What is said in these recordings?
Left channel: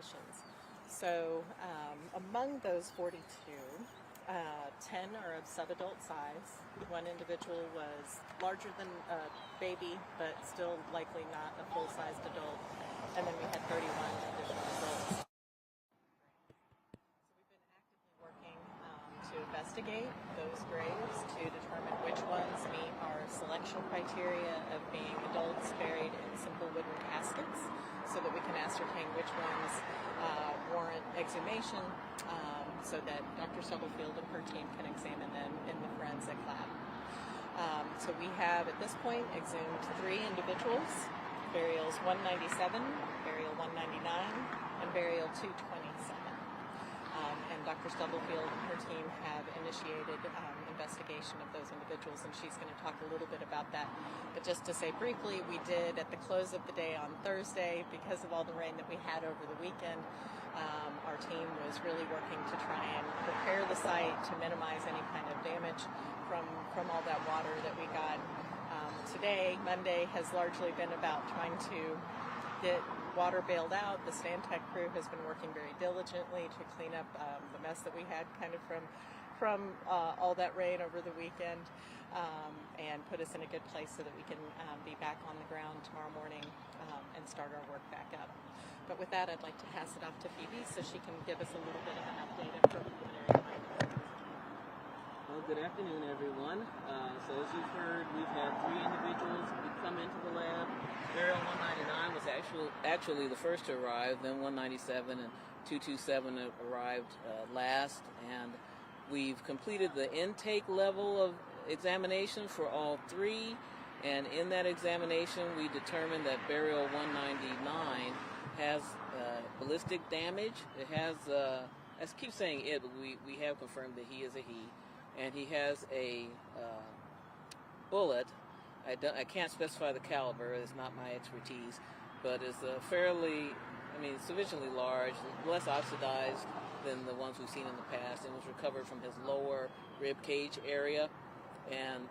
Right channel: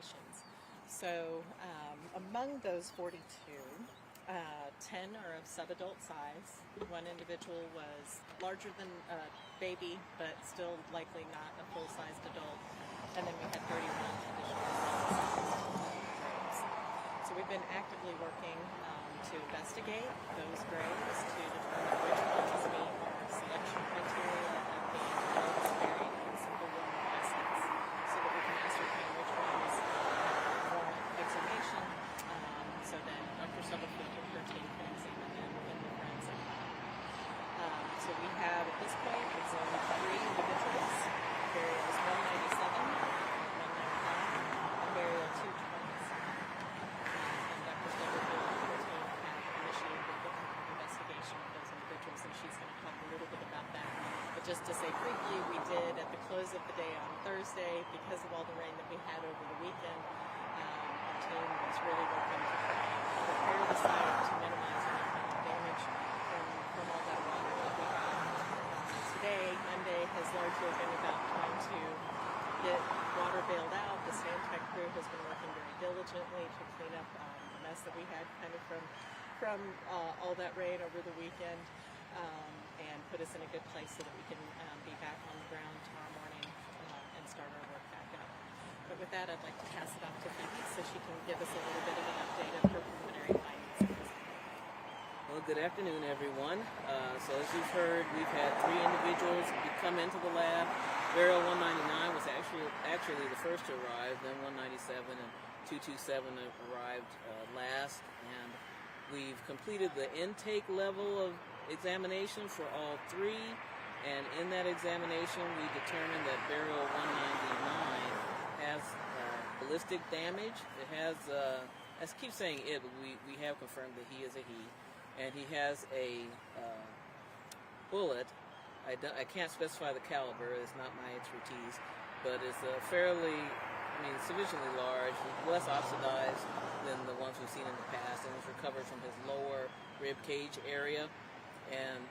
excavations. So among those 42, 10 are of subadult size. One individual was larger than a baby, but still likely not a full-sized adult. And then we had 31 additional adult-sized graves. So we've been actively working to investigate those graves to determine which ones meet our selection criteria of being adults buried in simple wooden caskets, so that we can ascertain which ones warrant exhumation, so that Dr. Stubblefield and her team can examine them in the forensic lab. So we have, at this point, exhumed 3 individuals: burials 197, burial 199, and burial 227. And Dr. Stubblefield and her team have initiated investigation of those individuals, and she's going to talk a little bit about that. But just to say briefly, we did, at the close of the day on Thursday, because of all the rain that we had over the weekend, our team was really working to try and prepare the site to minimize any kind of damage from all that water that we got. Today, Monday, has largely been about trying to get water bailed out. The Stantec crew has been working very diligently to clean up the mess that we had kind of from all that rain over the weekend, and put us in a good place so that we can be back on the ground tomorrow morning and start our work back up. But with that, I'd like to pass it off to Phoebe so she can give us a little bit of an update of her preliminary findings. Well, good afternoon, everyone. So as you've heard, we've had 3 individuals come into the lab. Burial 199 was actually the first to arrive, then 197 and 227 arrived last. And we've completed the intake level of examination for all 3. And in that examination, we determined that burial 199 has ballistic damage. It has, I keep saying it, but we have confirmed that he is a he. And he has a bullet. I can't specify the caliber, it's not my expertise, but it's sufficiently large, less oxidized than the ones we've seen in the past. It was recovered from his lower rib cage area. And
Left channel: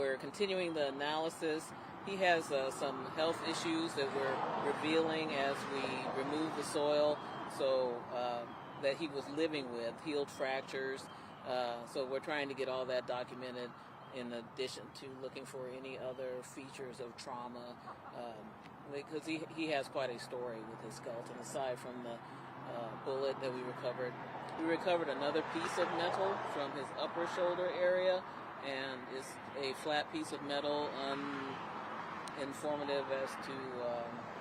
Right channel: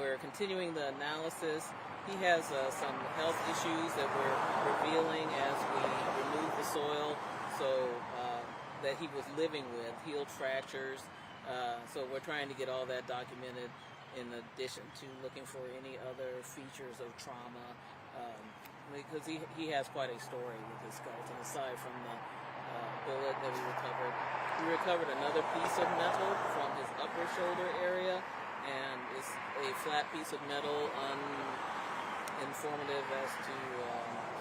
we're continuing the analysis. He has some health issues that we're revealing as we remove the soil, that he was living with, healed fractures. So we're trying to get all that documented, in addition to looking for any other features of trauma, because he has quite a story with his skeleton, aside from the bullet that we recovered. We recovered another piece of metal from his upper shoulder area, and it's a flat piece of metal, informative as to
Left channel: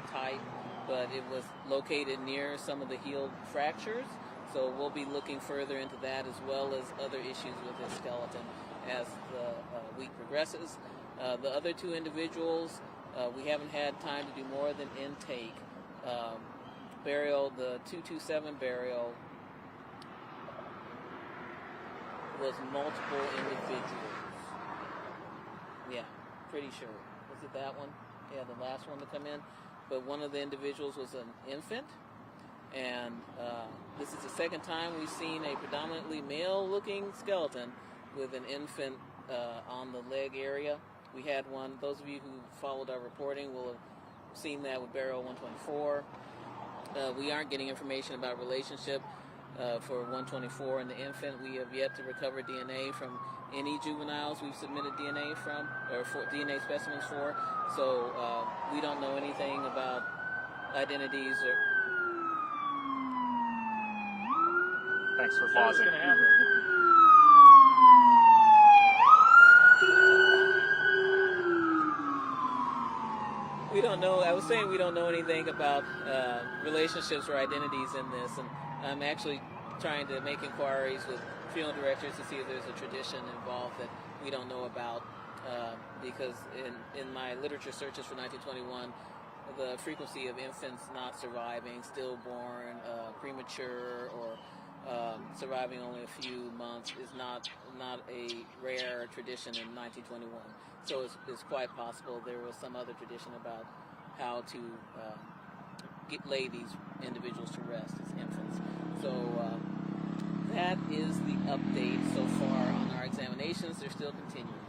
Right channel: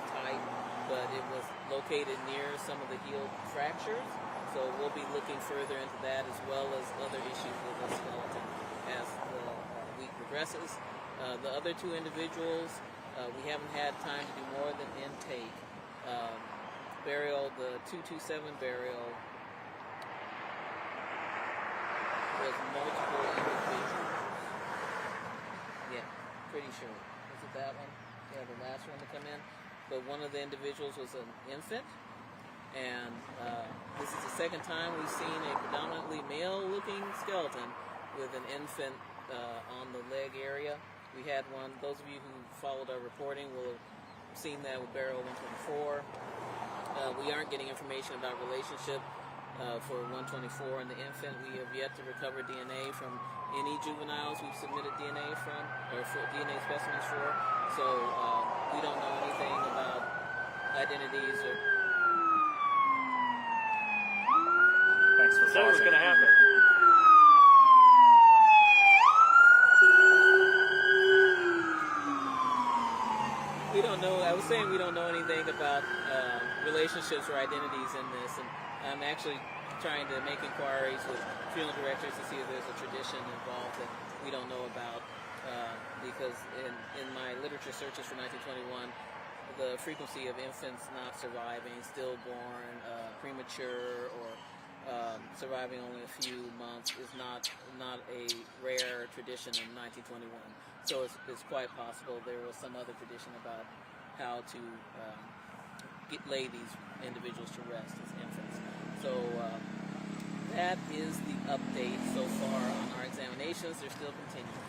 type, but it was located near some of the healed fractures. So we'll be looking further into that, as well as other issues with the skeleton as the week progresses. The other 2 individuals, we haven't had time to do more than intake. Burial, the 227 burial, was multiple individuals. Yeah, pretty sure. Was it that one? Yeah, the last one to come in. But one of the individuals was an infant. And this is the second time we've seen a predominantly male-looking skeleton with an infant on the leg area. We had one, those of you who followed our reporting will have seen that with burial 124. We aren't getting information about relationship for 124 and the infant. We have yet to recover DNA from any juveniles we've submitted DNA from, or for DNA specimens for. So we don't know anything about identities or... Thanks for pausing. What's going to happen? We don't know. I was saying we don't know anything about relationships or identities in this, and I'm actually trying to make inquiries with funeral directors to see if there's a tradition involved that we don't know about, because in my literature searches for 1921, the frequency of infants not surviving, stillborn, premature, or surviving only a few months is not a rare tradition in 1921. So it's quite possible there was some other tradition about how to lay these individuals to rest as infants. So that is the update so far on our examinations. They're still continuing.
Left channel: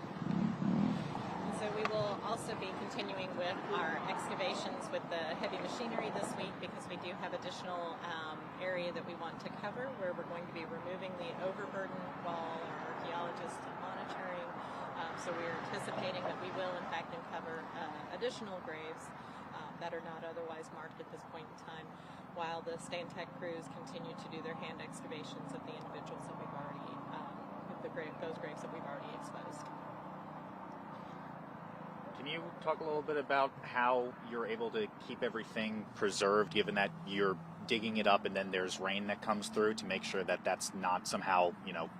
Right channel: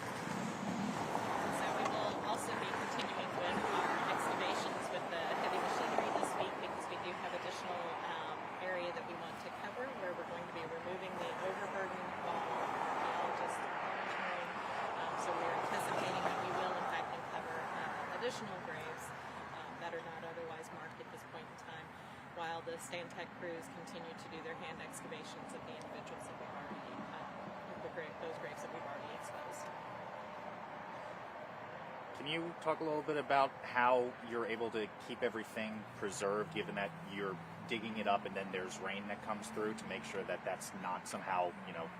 So we will also be continuing with our excavations with the heavy machinery this week, because we do additional graves that are not otherwise marked at this point in time, while the Stantec crews continue to do their hand excavations of the individuals that we've already, those graves that we've already exposed. Can you talk a little bit about how you're able to keep everything preserved, given that you're digging it up and then there's rain that comes through, to make sure that that's not somehow,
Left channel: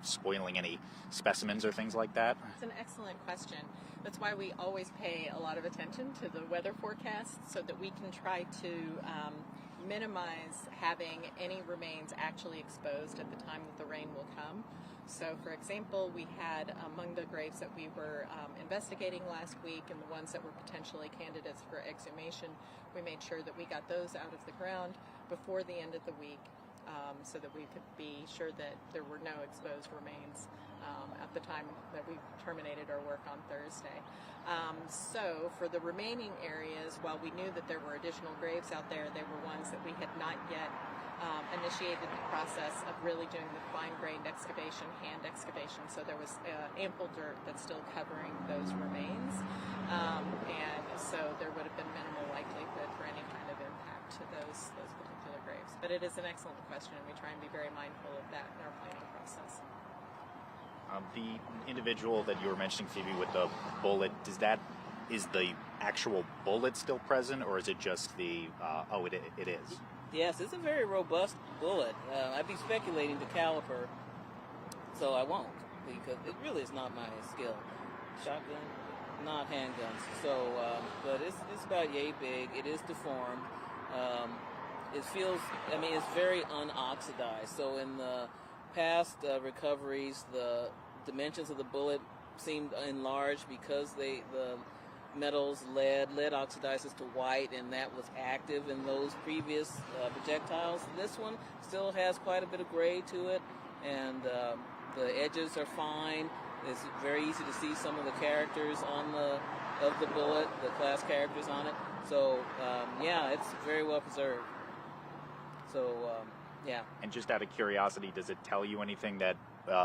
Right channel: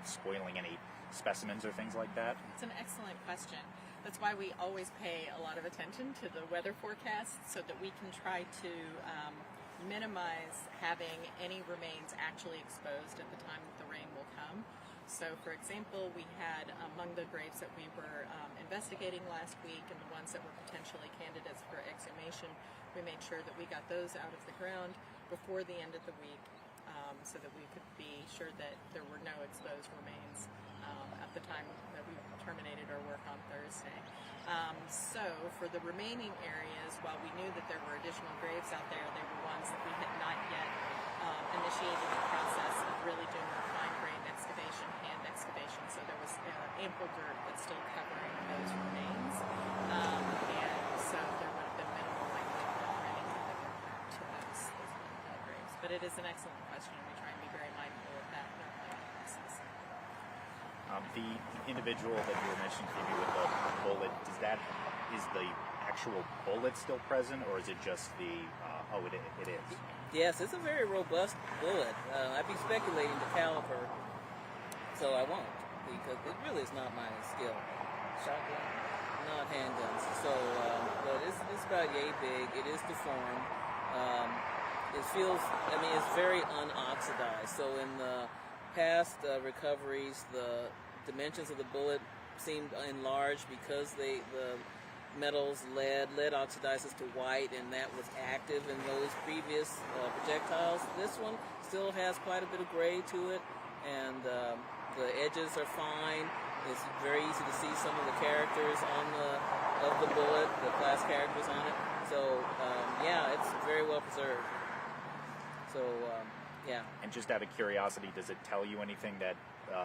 spoiling any specimens or things like that? It's an excellent question. That's why we always pay a lot of attention to the weather forecast, so that we can try to minimize having any remains actually exposed at the time that the rain will come. So, for example, we had among the graves that we were investigating last week and the ones that were potentially candidates for exhumation, we made sure that we got those out of the ground before the end of the week, so that we could be sure that there were no exposed remains at the time that we terminated our work on Thursday. So for the remaining areas, while we knew that there were additional graves out there, they were ones that we had not yet initiated the process of really doing the fine-grained excavation, hand excavation, so there was ample dirt that's still covering those remains, and so there would have been minimal likelihood for any kind of impact to those particular graves. But it is an excellent question, and we try and be very mindful of that in our planning process. The individual that you were mentioning, Phoebe, with the bullet, is the actual bullet still present, or is it just the, it is? Yes, it's a very robust bullet. I'd be speculating the caliber, so I won't, because it really is not my skill. Shotgun, not handguns. So, but it's about yay big. It is deformed. It feels, it's very unoxidized. So in the past recoveries, the dimensions of the bullet seemed enlarged because the metals, lead oxidizes to white, and that was active in those previous projectiles. This one still has quite a bit of gray to it, and the edges are fine. It's very easy to see some of the characters of the bullet, the class characters on it. So it's very well preserved. So yeah. And just out of curiosity, does it tell you anything that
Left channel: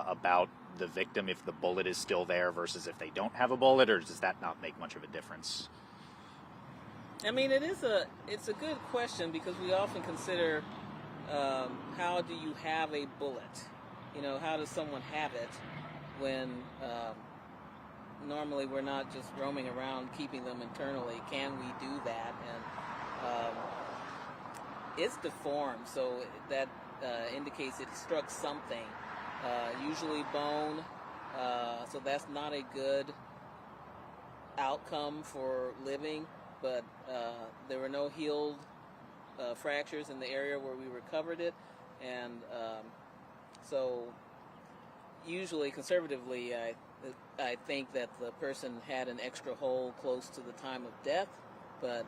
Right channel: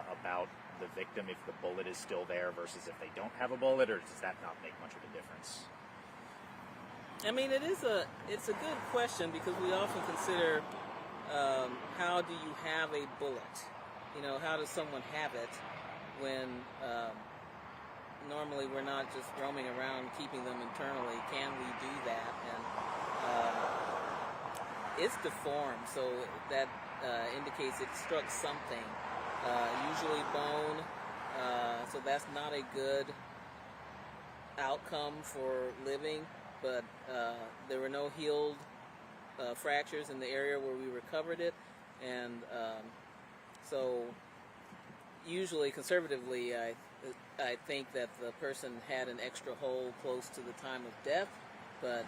about the victim if the bullet is still there versus if they don't have a bullet, or does that not make much of a difference? It's a good question, because we often consider how do you have a bullet? How does someone have it when normally we're not just roaming around keeping them internally? Can we do that? And it's deformed, so that indicates it struck something. Usually bone, so that's not a good outcome for living, but there were no healed fractures in the area where we recovered it, and so usually, conservatively, I think that the person had an extra hole close to the time of death, but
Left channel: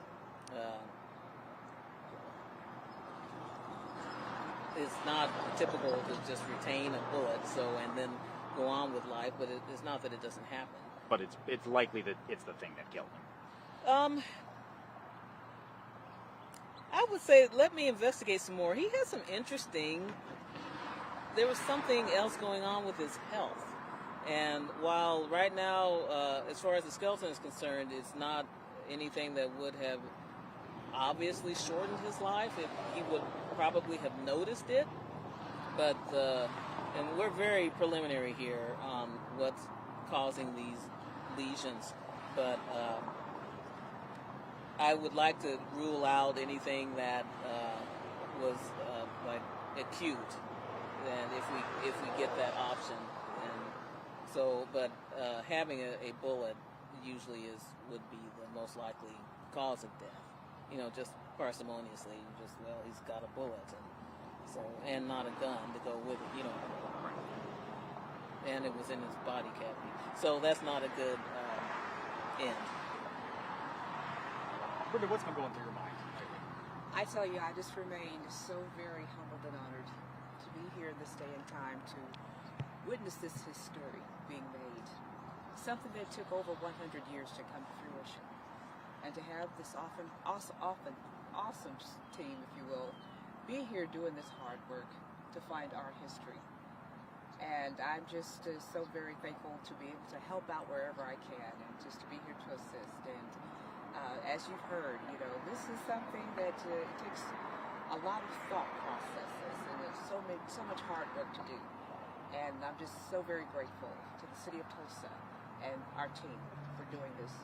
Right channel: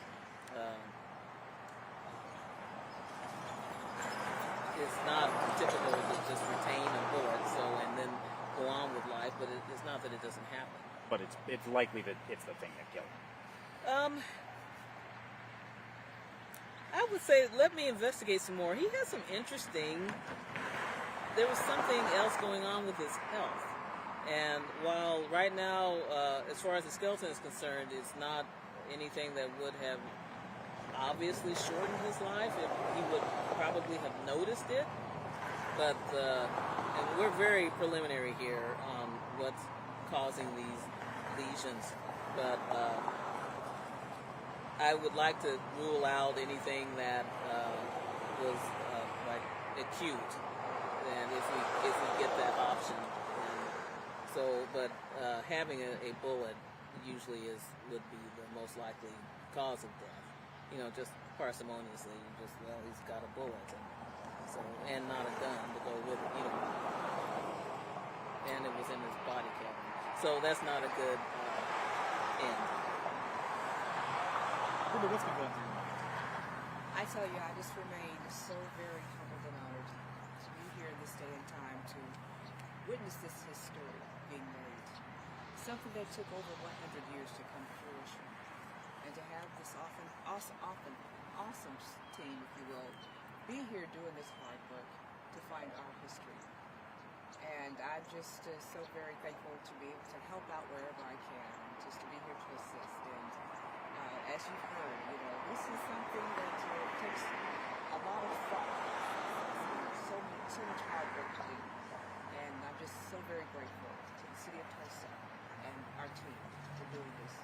it's not typical to just retain a bullet, and then go on with life. But it's not that it doesn't happen. But it's likely that it's the thing that killed him. I would say let me investigate some more. He had some interesting. There was something else going on with his health, and while right now, as far as the skeleton is concerned, it's not anything that would have obviously shortened his life. He would probably have noticed it, but and we're very preliminary here on what's causing these lesions, but I would like to rule out anything that was like acute, and if we get that option. But having a bullet usually would be the most likely cause of death. Just parsimoniously, he's got a bullet, and not a gun to go with it, and it was in his body cavity. So that's not a good end. Ruby, what's been going through your mind? I tell you, I just remain so very humbled and honored to be here this day and time to witness this history being made. Something that took over 100 years to come to fruition. And to have this awesome team, if you will, be here doing this hard work to find our history. And I'm just so very thankful to be able to help out wherever I can, and just to be here to assist. And As you've heard, this is something that takes a lot of thought processes, and there's so much hard work to do. And I'm just so very grateful to the city of Tulsa and our team for doing this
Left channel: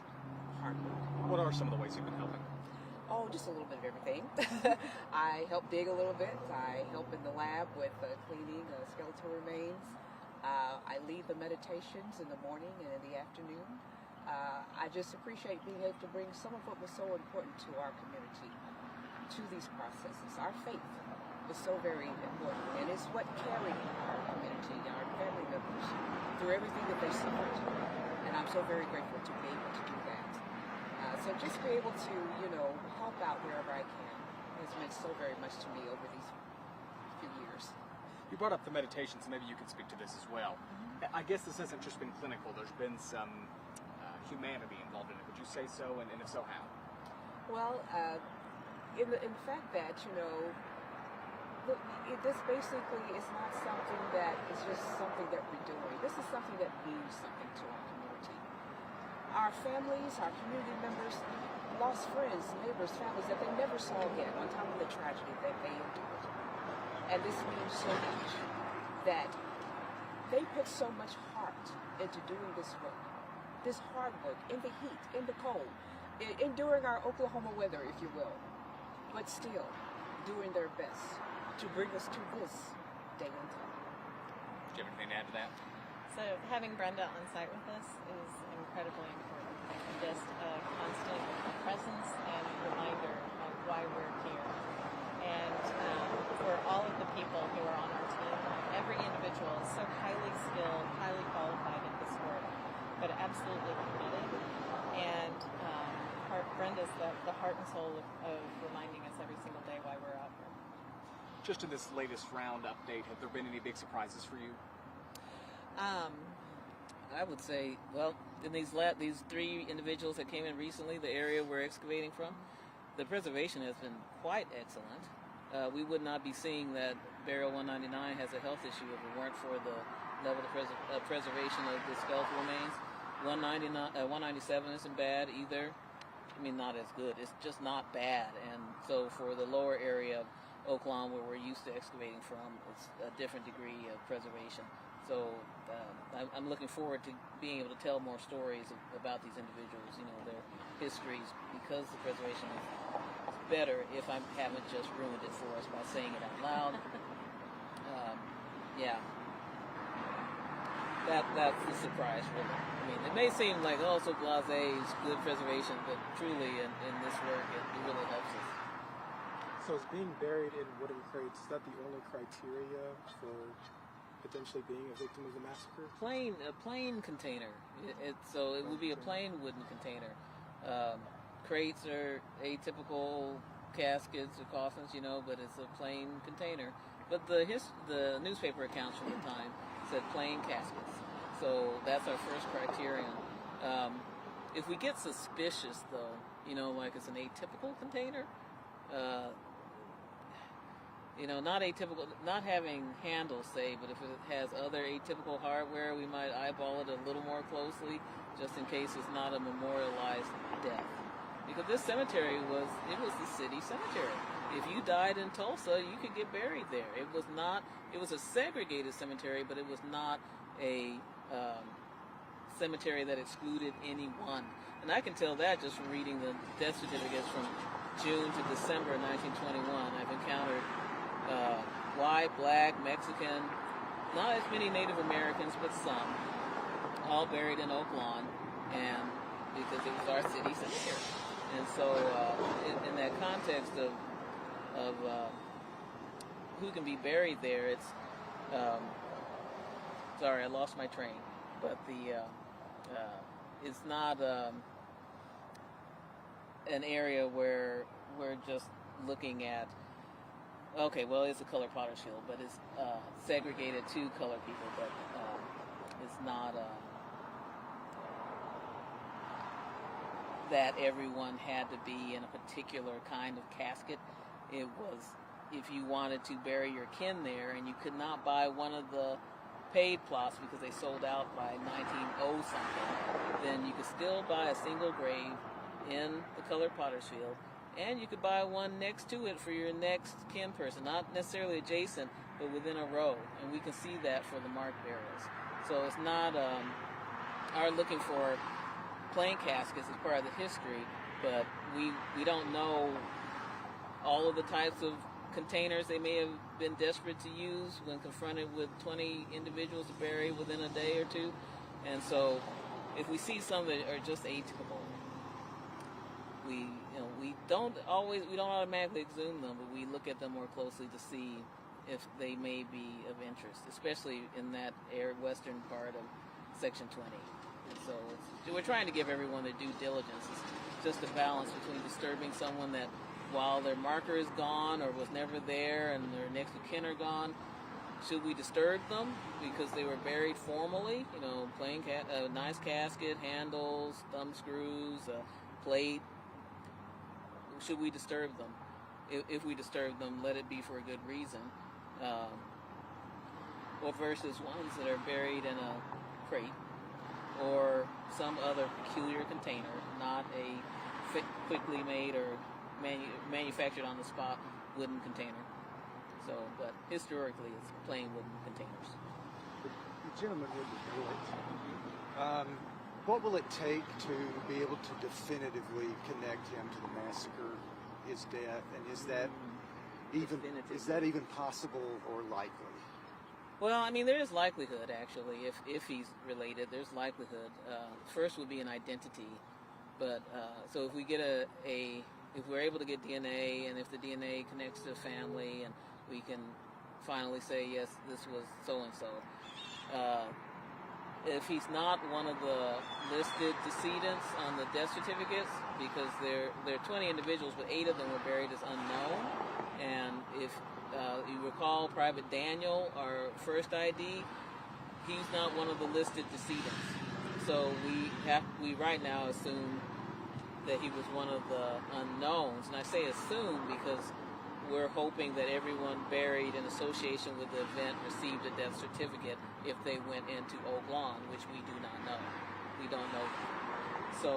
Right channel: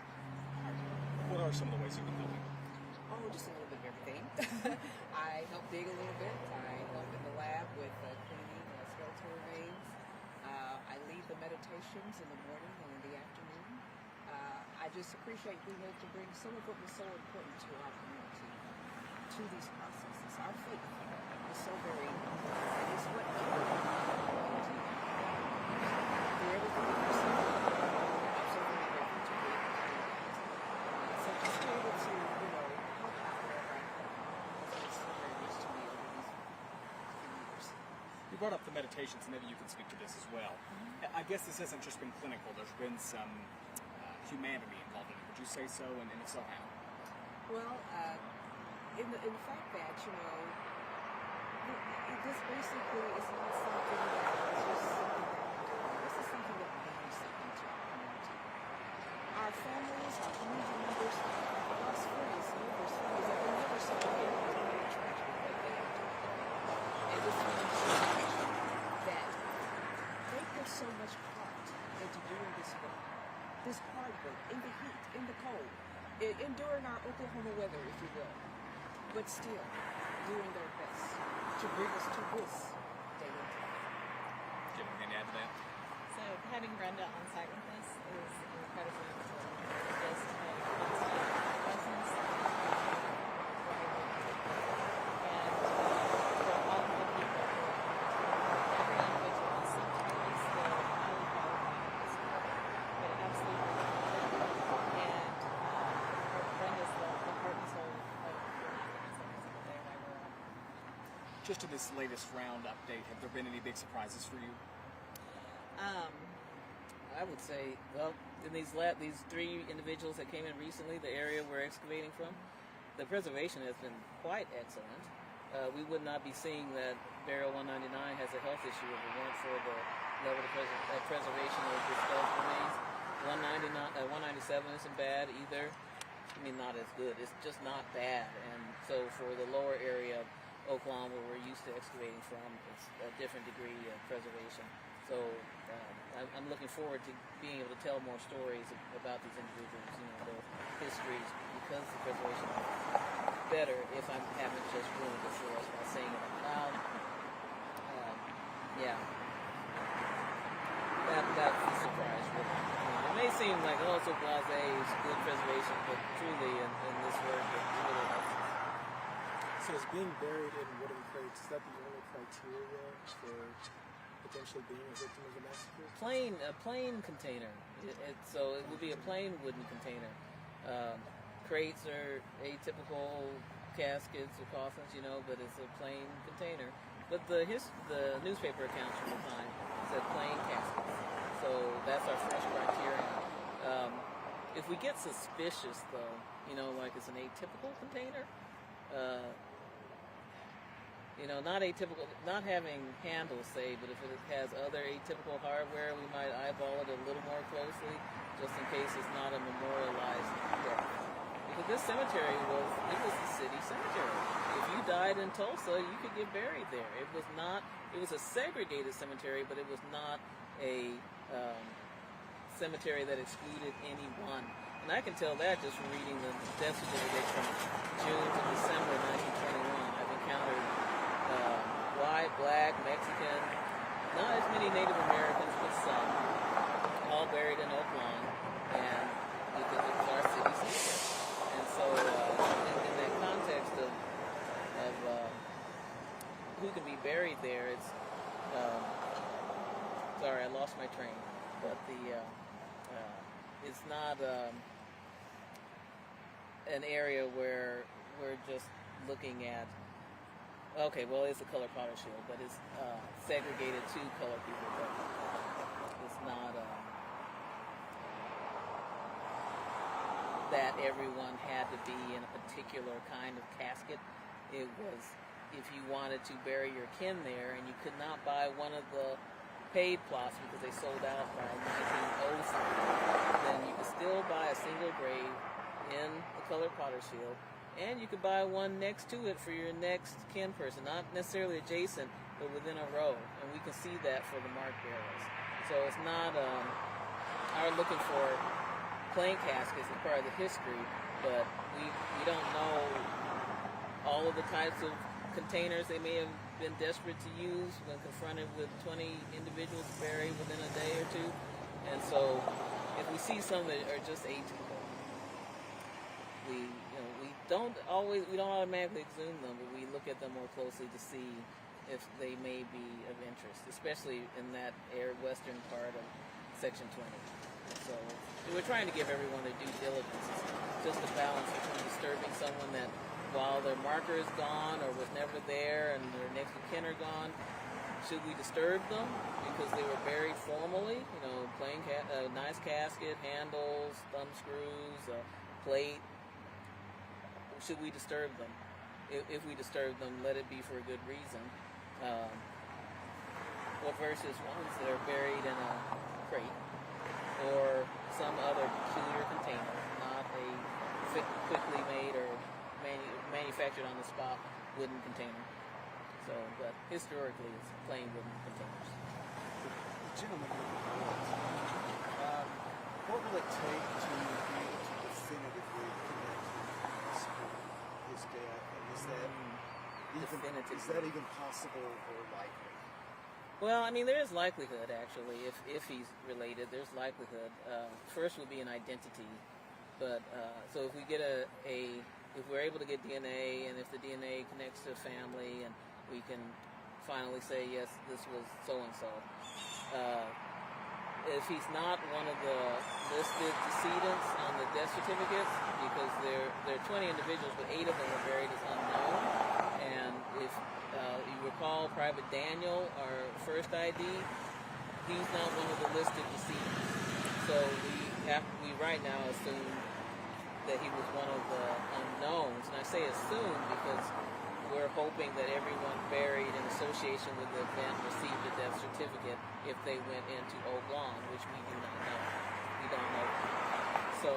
hard work. What are some of the ways you've been helping? Oh, just a little bit of everything. I help dig a little bit. I help in the lab with cleaning skeletal remains. I lead the meditations in the morning and in the afternoon. I just appreciate being able to bring some of what was so important to our community to these processes. Our faith is so very important, and it's what carries our community, our family members, through everything that they're suffering. And I'm so very grateful to be able to do that. So just to be able to, help out wherever I can has meant so very much to me over these few years. You brought up the meditations, and maybe you could speak to this as well. I guess this hasn't just been clinical. There's been some humanity involved in it. Would you say so? And if so, how? Well, in the fact that, this basically is not something that is just something that we're doing. This is something that means something to our community. Our families, our community members, lost friends, neighbors, families that they never saw again because of the tragedy that they endured. And this means so much that they put so much heart into doing this work, this hard work, in the heat, in the cold, enduring our Oklahoma weather, if you will, but still doing their best to bring us to this day and time. Do you have anything to add to that? So having Brenda on site with us is incredibly important. Just a constant presence and reminder of why we're here. And for all of the people who are on our team, every individual is so highly skilled, highly qualified in this work, but absolutely committed. And Brenda's the heart and soul of reminding us every single day why we're out here. Just in this latest round update, have there been any big surprises for you? I would say, well, in these three individuals that came in recently, the area we're excavating from, the preservation has been quite excellent. We would not be seeing that Burial 199 has a health issue if it weren't for the level of preservation of the skeletal remains. 197 isn't bad either. I mean, not as good. It's just not bad. And so for the lower area of Oklahoma, where we're used to excavating from, it's a different degree of preservation. So I'm looking forward to being able to tell more stories about these individuals, their histories, because the preservation is better if I haven't just ruined it for us by saying it out loud. Yeah. That's the surprise, really. I mean, it may seem like, so blasé, it's good preservation, but truly in this work, it really helps us. So is being buried in wooden crates, is that the only criteria for potentially being a victim of a massacre? A plain container. So it would be a plain wooden container. Crates are atypical caskets or coffins, but it's a plain container. But the newspaper accounts from the time said plain caskets. So that's our first criterion. If we get suspicious, though, like it's an atypical container, not atypical, not having handles, say, but if it has other atypical hardware, we might eyeball it a little more closely, just in case it's not a memorialized death. Because this cemetery was the city cemetery. If you died in Tulsa, you could get buried there. It was a segregated cemetery, but it was not a cemetery that excluded anyone. And I can tell that just from reading the death certificates from June to December 1921. I've encountered white, black, Mexican, not as many Native Americans, but some, all buried in Oak Lawn, and because it was our city cemetery. And so, in that context of who can be buried there, it's sorry, I lost my train, but it's not an area where we're just looking at. Okay, well, it's a color potter shield, but it's segregated to color people, but it's not that everyone had to be in a particular kind of casket. It was, if you wanted to bury your kin there and you could not buy one of the paid plots because they sold out by 1900 something, then you could still buy a single grave in the color potter's field, and you could buy one next to it for your next kin person, not necessarily adjacent, but within a row, and we can see that for the marked burials. So it's not our looking for plain caskets as part of the history, but we don't know all of the types of containers they may have been desperate to use when confronted with 20 individuals to bury within a day or two. And so if we see some that are just atypical, we don't automatically exhume them, but we look at them more closely to see if they may be of interest, especially in that western part of Section 20. And so we're trying to give everyone their due diligence. It's just a balance between disturbing someone that while their marker is gone or was never there and their next of kin are gone, should we disturb them because they were buried formally? Plain nice casket, handles, thumb screws, plate. Should we disturb them? If we disturb them, let it be for a good reason. Or versus ones that are buried in a crate or some other peculiar container, not a quickly made or manufactured on the spot wooden container. So, but historically, it's plain wooden containers. Gentlemen, what will it take to be able to definitively connect him to the massacre, his death, and is that even possible or likely? Well, I mean, there is likelihood actually. If he's related, there's likelihood. First would be an identity, but so if we get if we're able to get DNA, and if the DNA connects to a family, and we can finally say yes, this was so and so. If he's not one of the listed decedents on the death certificates, because there are 20 individuals, but 8 of them were buried as unknown, and if you recall Private Daniel, our first ID, he's not one of the listed decedents. So we right now assume that he was one of the unknowns. And I say assume because we're hoping that everyone buried in association with the event received a death certificate if they went into Oblong, which we do not know. We don't know. So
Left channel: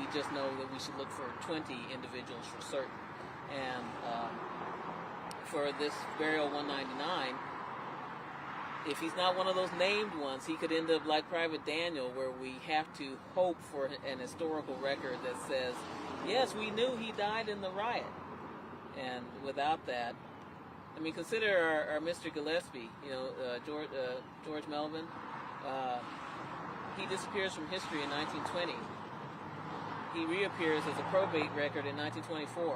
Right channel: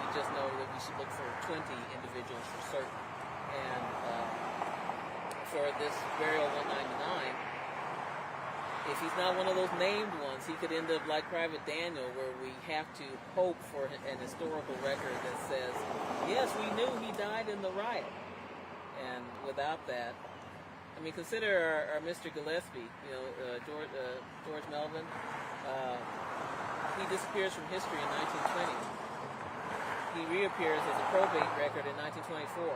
we just know that we should look for 20 individuals for certain. And for this burial 199, if he's not one of those named ones, he could end up like Private Daniel, where we have to hope for an historical record that says, yes, we knew he died in the riot. And without that, I mean, consider our Mr. Gillespie, George Melvin. He disappears from history in 1920. He reappears as a probate record in 1924.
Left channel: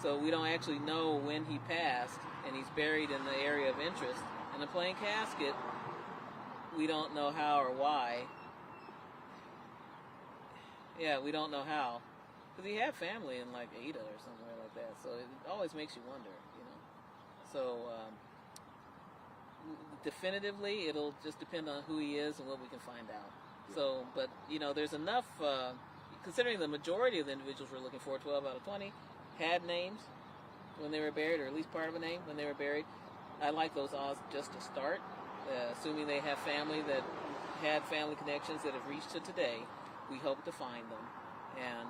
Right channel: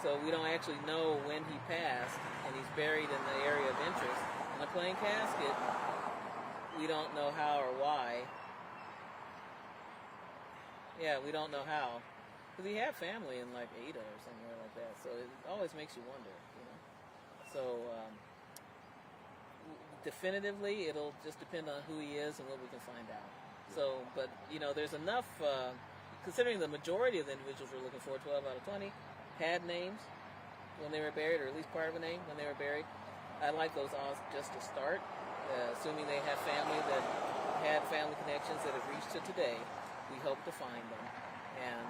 So we don't actually know when he passed, and he's buried in the area of interest. In a plain casket, we don't know how or why. Yeah, we don't know how. Because he had family in like Ada or somewhere like that. So it always makes you wonder, So definitively, it'll just depend on who he is and what we can find out. So, but there's enough, considering the majority of the individuals we're looking for, 12 out of 20, had names when they were buried, or at least part of a name when they were buried. I like those odds just to start, assuming they have family that had family connections that have reached to today. We hope to find them and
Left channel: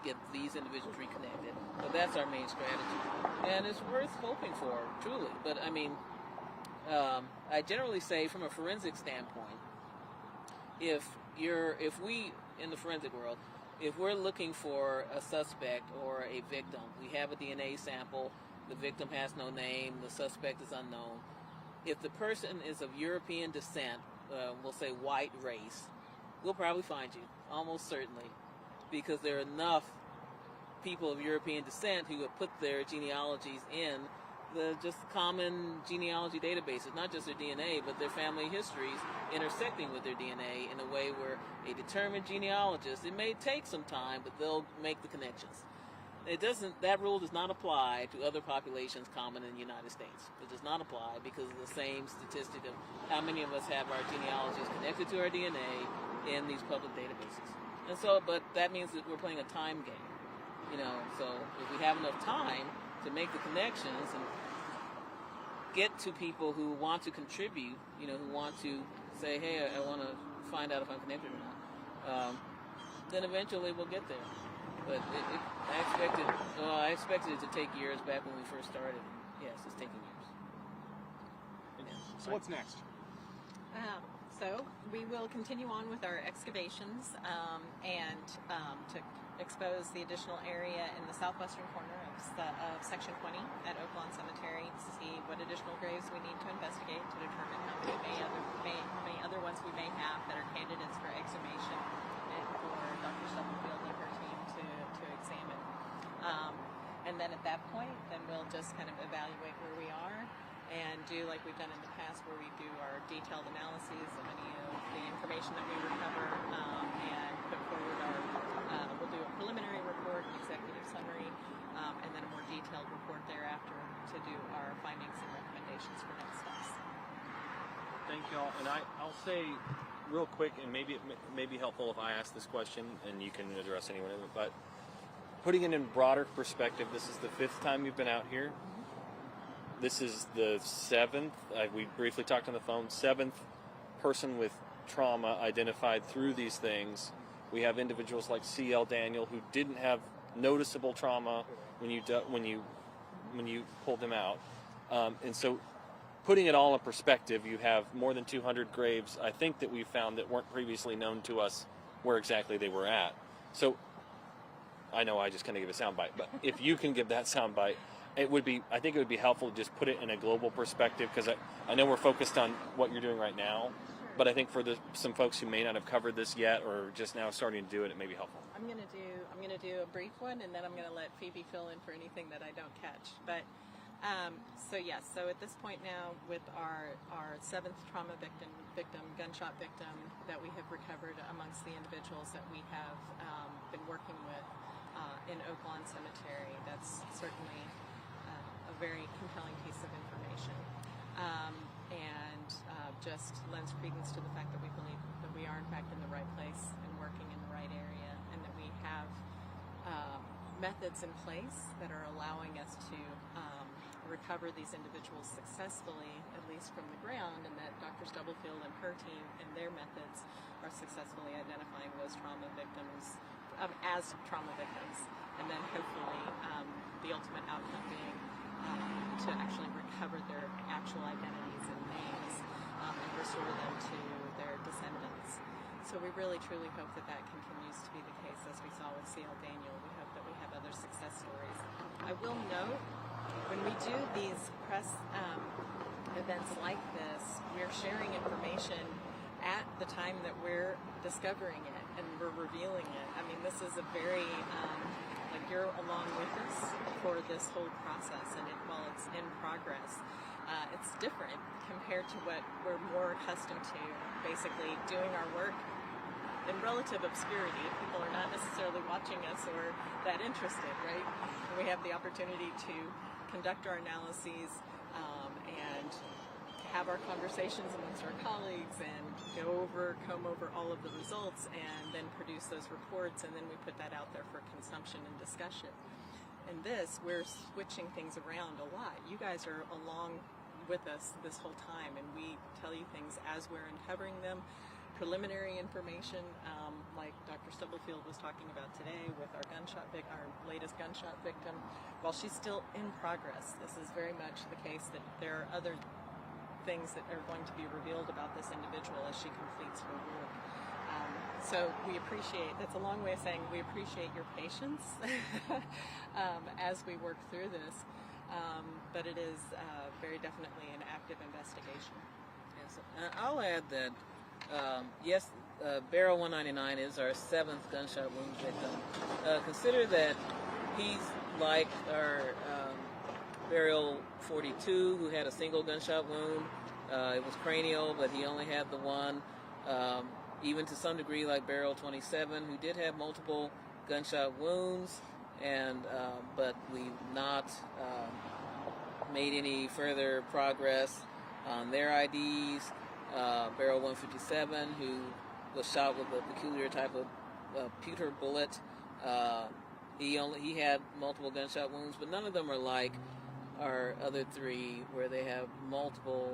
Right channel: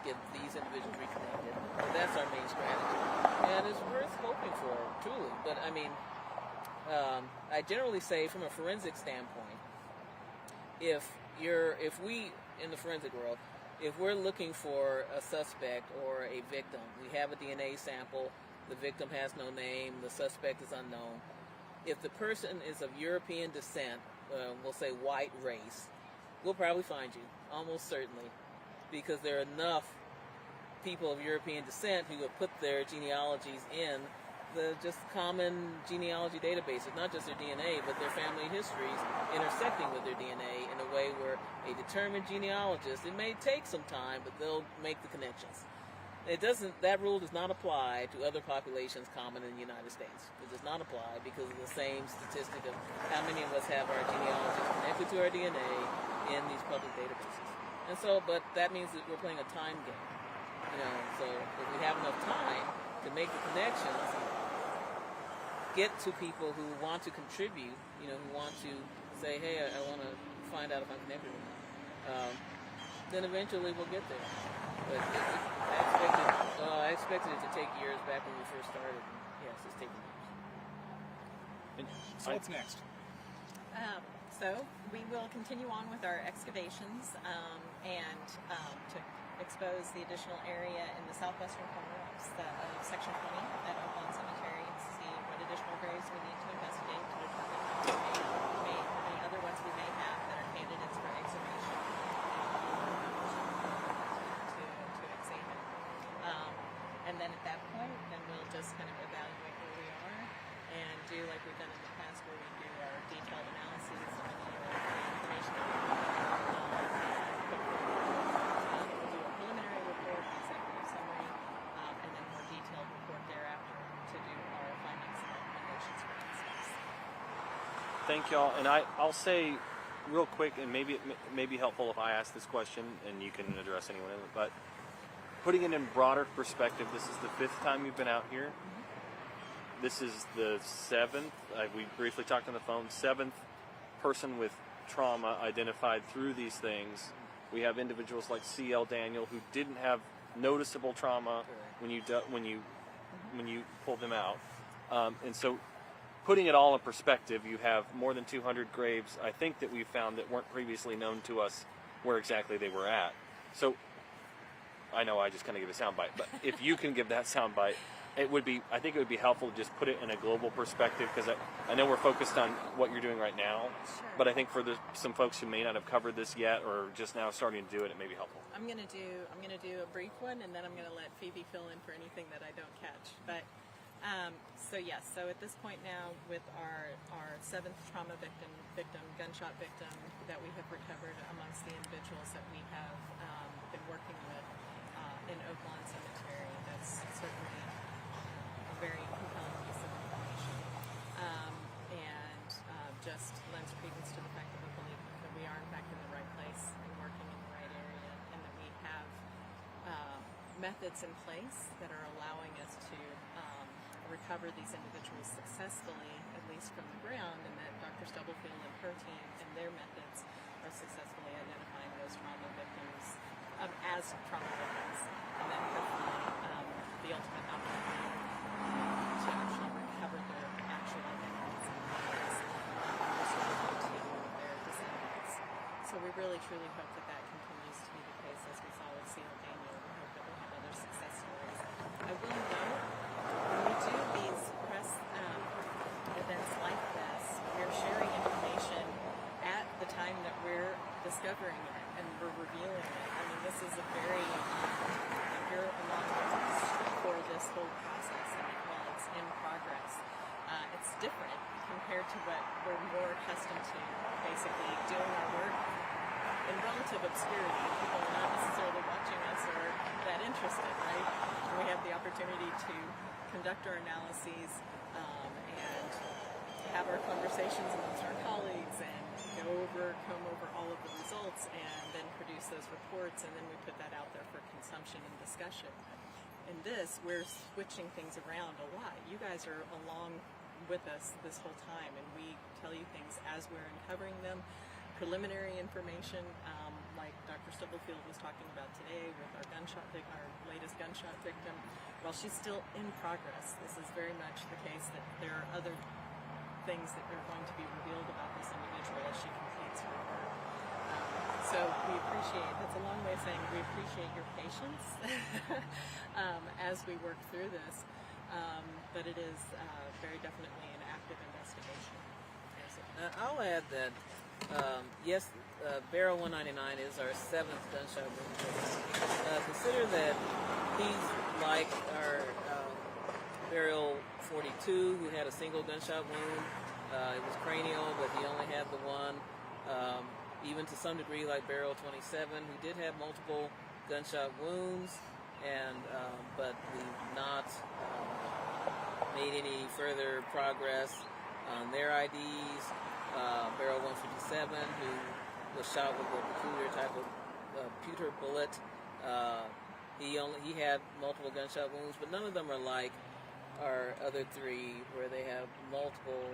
get these individuals reconnected. So that's our main strategy, and it's worth hoping for, truly. But I mean, I generally say, from a forensic standpoint, if we in the forensic world, if we're looking for a suspect or a victim, we have a DNA sample, the victim has no name, the suspect is unknown. If the person is of European descent, we'll say white race, we'll probably find you, almost certainly, because there are enough people of European descent who have put their genealogies in the just common genealogy databases, not just their DNA, but their family histories intersecting with their DNA in a way where a determined genealogist, it may take some time, but they'll make the connections. That rule does not apply to other populations common in the United States. It does not apply because of the same statistic of how many of us have our genealogists connected to our DNA in these public databases. And so, but that means that we're playing a time game. So if we have enough time to make the connections, get to people who want to contribute, who want to say, hey, I want to find out if I'm connected or not. then eventually we'll get there. But I expected it to take years back when we first started. Yes, it's taking years. So what's next? So we will continue on with our excavations and to expose the additional area in the southwestern corner of Section 20 at Oaklawn Cemetery and see what additional graves we need to investigate to determine how many other ones we may have that are candidates for exhumation and for the team to examine. And then at that point, then we'll just kind of evaluate where we are and do like we've done in the past where we do our detailed analyses of any of the information that we recover and put forward. We'll do a preliminary report, an executive summary, and then a more detailed report thereafter to do our findings and recommendations for next steps. Thank y'all. And I'll say real quick, and maybe it may be helpful if I ask this question and you can address anyone of it, but putting it in broader perspective, this is the 5th time you've been out here. This is the 7th, we briefly talked on the phone, 7th person with trauma identified through these things. We have individuals like C.L. Daniel who didn't have noticeable trauma when you pulled him out. And so putting it all in perspective, you have more than 200 graves, I think, that we found that weren't previously known to us where exactly they were at. So I know I just kind of give a soundbite, but if you can give that soundbite, I think it would be helpful to just put it in a global perspective, because I know we're focused on what you're doing right now, Sure. but I think for some folks who may not have covered this yet or just now starting to do it, it may be helpful. I'm gonna do a brief one, and then I'm gonna let Phoebe fill in for anything that I don't catch. But so at this point now, with our 7th trauma victim, gunshot victim that we have recovered amongst the individuals that we have been working with in Oaklawn Cemetery, that's certainly a very compelling piece of information, and just lends credence to the fact that we believe that we are in fact in the right place and working in the right area, and that we have methods in place that are allowing us to recover these individuals successfully, at least from the ground, and that Dr. Stubblefield and her team and their methods are successfully identifying those trauma victims as trauma victims, and then hopefully the ultimate outcome being to actually recover their actual identities and names and restore them to their descendants. So we really truly hope that that continues to be the case, as we saw with C.L. Daniel. We hope that we have other success stories. I will note, when we do these press events like this, we're sharing information at the time that we're discovering it and we're revealing it. I mean, this is a very, you're along with us for this whole process, and while it's in progress, it's different compared to what we're more accustomed to, basically doing our work in relative obscurity. People are not necessarily watching us or that interested, right? And we have the opportunity to conduct our analyses and have our conversations amongst our colleagues and comb over all of the results and then produce those reports, and then we put that out there for consumption and discussion. In this, we're switching things around a lot. You guys are along with us this whole time, and we tell you things as we're uncovering them. Preliminary information, like Dr. Stubblefield was talking about today with our latest gunshot victim. While she's still in progress, this is very much the case that there are other things that are going to be revealed about this individual as she completes her work. So we appreciate, that's a long way of saying we appreciate your patience as we work through this, but it is very definitely an active investigation. Yes. I'll add that, yes, Barrel 199 is our 7th gunshot wound victim. Consider that he's like our Burial 42, who had a single gunshot wound. It was cranial, but he only had the one. Even to some degree, like Burial 27, who did have multiple gunshot wounds, and but we've not made any further progress on their IDs. Burial 157, who was shot with a peculiar type of pewter bullet. He had multiple gunshot wounds, but none of them are like our other 3, where they have multiple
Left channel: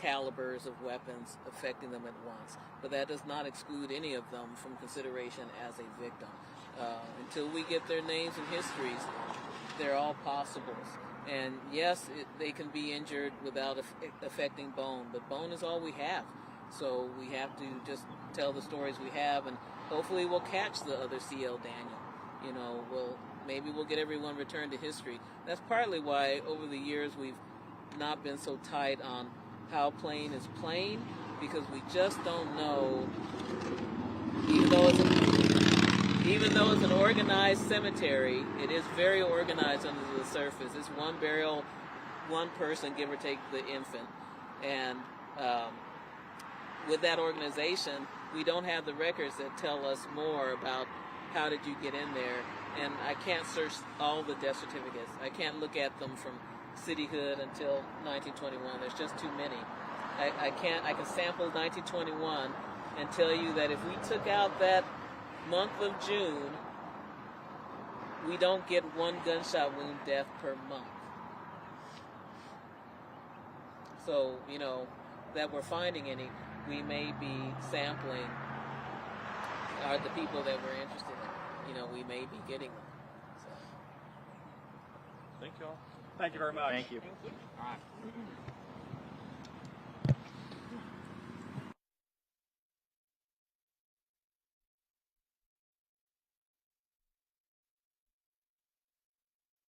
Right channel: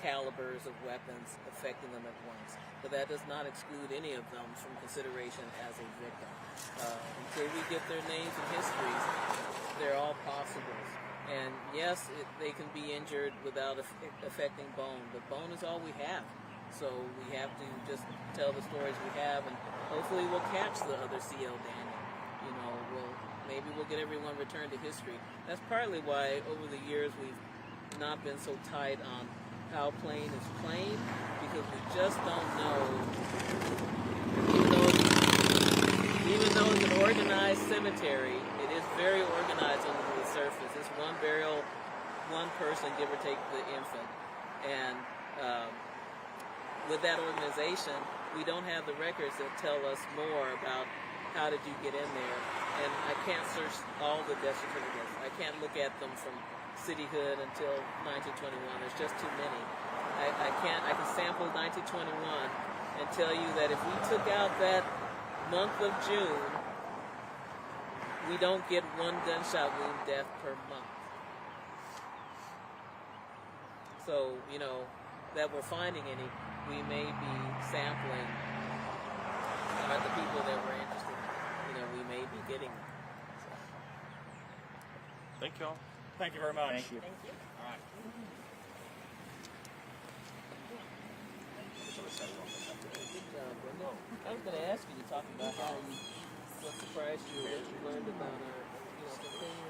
calibers of weapons affecting them at once. But that does not exclude any of them from consideration as a victim. Until we get their names and histories, they're all possibles. And yes, they can be injured without affecting bone, but bone is all we have. So we have to just tell the stories we have, and hopefully we'll catch the other C.L. Daniel. You know, maybe we'll get everyone returned to history. That's partly why over the years we've not been so tight on how plain is plain, because we just don't know. Even though it's an organized cemetery, it is very organized under the surface. It's one burial, one person, give or take the infant. And with that organization, we don't have the records that tell us more about how did you get in there. And I can't search all the death certificates. I can't look at them from cityhood until 1921. There's just too many. I can sample 1921 and tell you that if we took out that month of June, we don't get one gunshot wound death per month. So, you know, that we're finding any, we may be sampling are the people that we're interested in. You know, we may be getting them. So. Thank you all. Thank you very much. Thank you. Thank you. All right. Good job, Brenda. I was going to ask you to talk about what surprised you, what you learned about our, continuous